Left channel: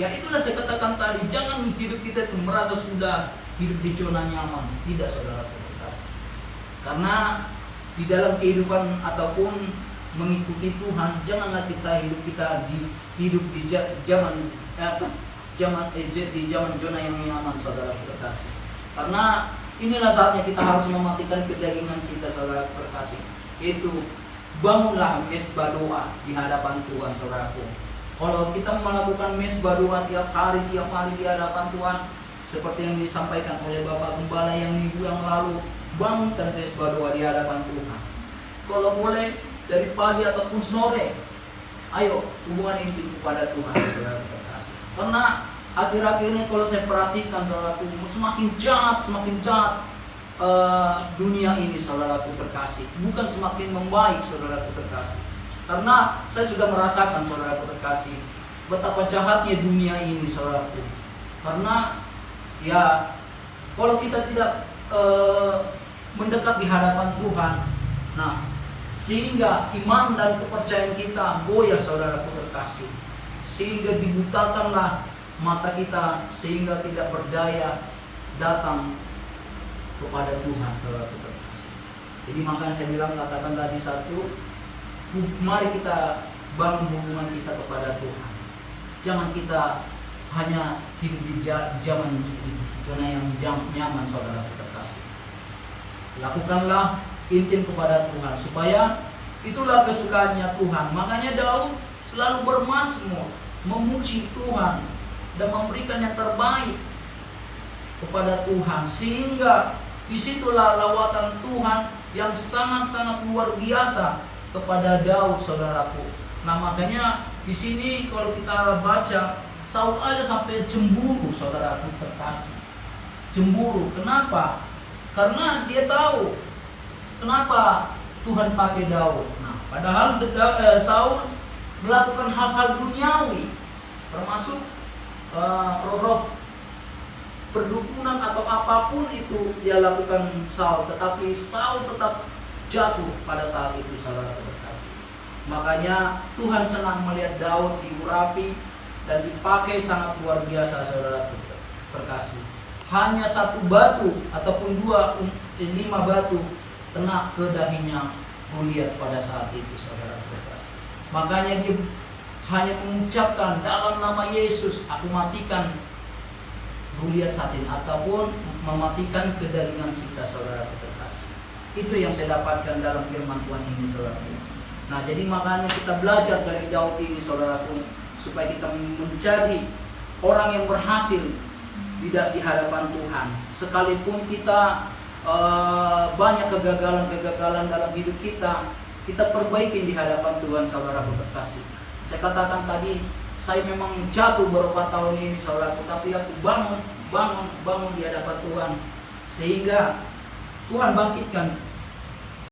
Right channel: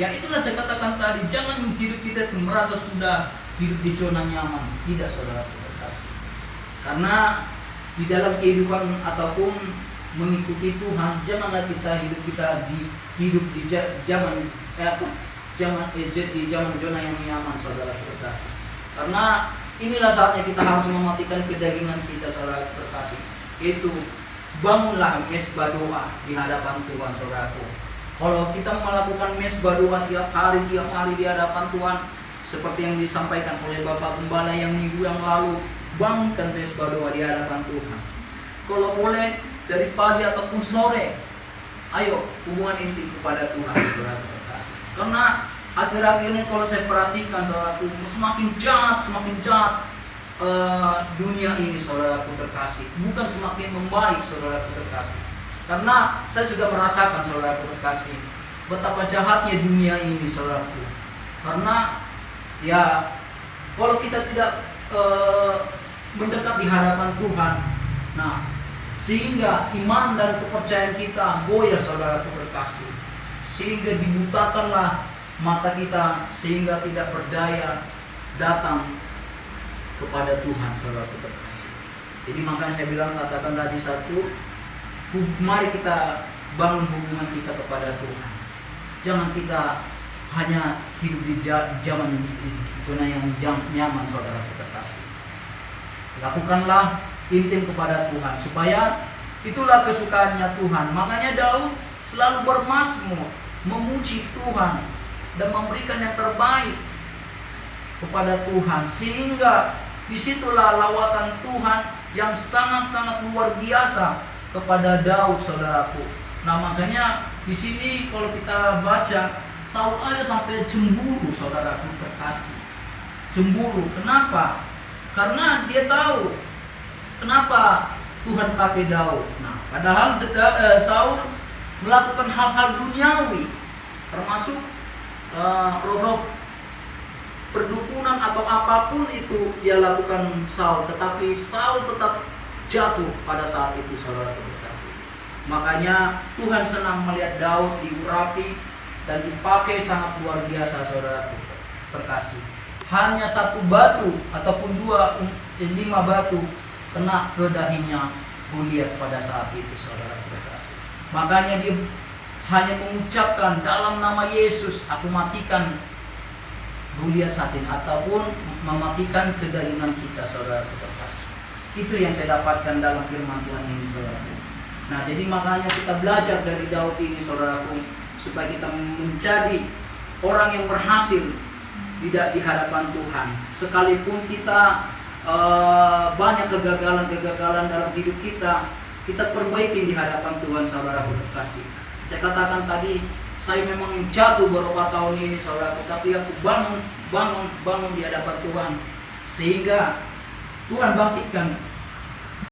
Yang itulah saya katakan tadi, jangan hidup kita itu merasa sudah hidup di zona nyaman. Tidak, saudara terkasih. Karena di dalam kehidupan ataupun mengikuti Tuhan, janganlah kita hidup di zaman zona yang nyaman, saudara terkasih. Karena inilah saatnya kita harus mematikan kedagingan kita, saudara terkasih. Itu bangunlah mesbah doa di hadapan Tuhan, saudaraku. Kalau kita melakukan mesbah doa tiap hari di hadapan Tuhan, seperti yang disampaikan oleh Bapak Gembala yang minggu yang lalu, bangunkan mesbah doa di hadapan Tuhan. Kalau boleh dari pagi ataupun sore, ayo hubungan intim kepada Tuhan, saudara terkasih. Karena akhir-akhir ini kalau saya perhatikan, saudaraku, semakin jahat dunia ini, saudaraku terkasih. Bukan semakin membaik, saudaraku terkasih. Karena saya sudah merasakan, saudaraku terkasih, betapa jahatnya dunia ini, saudaraku. Karena ya, kalau kita tidak mendekat di hadapan Tuhan, nah, sehingga iman dan kepercayaan kita goyah, saudaraku terkasih. Sehingga dibutakanlah mata kita, sehingga tidak berdaya datang kepada Tuhan, saudaraku terkasih. Jadi makanya saya bilang, katakan tadi satu, mari kita bangun hubungan kita kepada Tuhan. Jangan kita hanya hidup di zaman zona yang nyaman, saudara terkasih. Lakukanlah intim kepada Tuhan, supaya itulah kesukaannya Tuhan. Makanya Daud selalu bermazmur, memuji Tuhan dan memberikan yang terbaik kepada Tuhan, sehingga disitulah lawatan Tuhan yang sangat-sangat luar biasa kepada Daud, saudaraku. Nah, makanya di sini kalau kita baca, Saul ada sampai cemburu, saudaraku terkasih. Cemburu, kenapa? Karena dia tahu kenapa Tuhan pakai Daud. Nah, padahal Saul melakukan hal-hal duniawi, termasuk roh-roh perdukunan atau apapun itu dia lakukan Saul, tetapi Saul tetap jatuh pada saat itu, saudara terkasih. Makanya Tuhan senang melihat Daud diurapi dan dipakai sangat luar biasa, saudara terkasih. Hanya satu batu ataupun 5 batu kena ke dahinya Goliat pada saat itu, saudara terkasih. Makanya dia hanya mengucapkan, dalam nama Yesus aku matikan Goliat saat ini, ataupun mematikan kedagingan kita, saudara terkasih. Itu yang saya dapatkan dalam firman Tuhan ini, saudaraku. Nah, jadi makanya kita belajar dari Daud ini, saudaraku, supaya kita menjadi orang yang berhasil tidak di hadapan Tuhan. Sekalipun kita banyak kegagalan dalam hidup kita, kita perbaiki di hadapan Tuhan, saudaraku terkasih. Saya katakan tadi, saya memang jatuh beberapa tahun ini, saudaraku, tapi aku bangun di hadapan Tuhan, sehingga Tuhan bangkitkan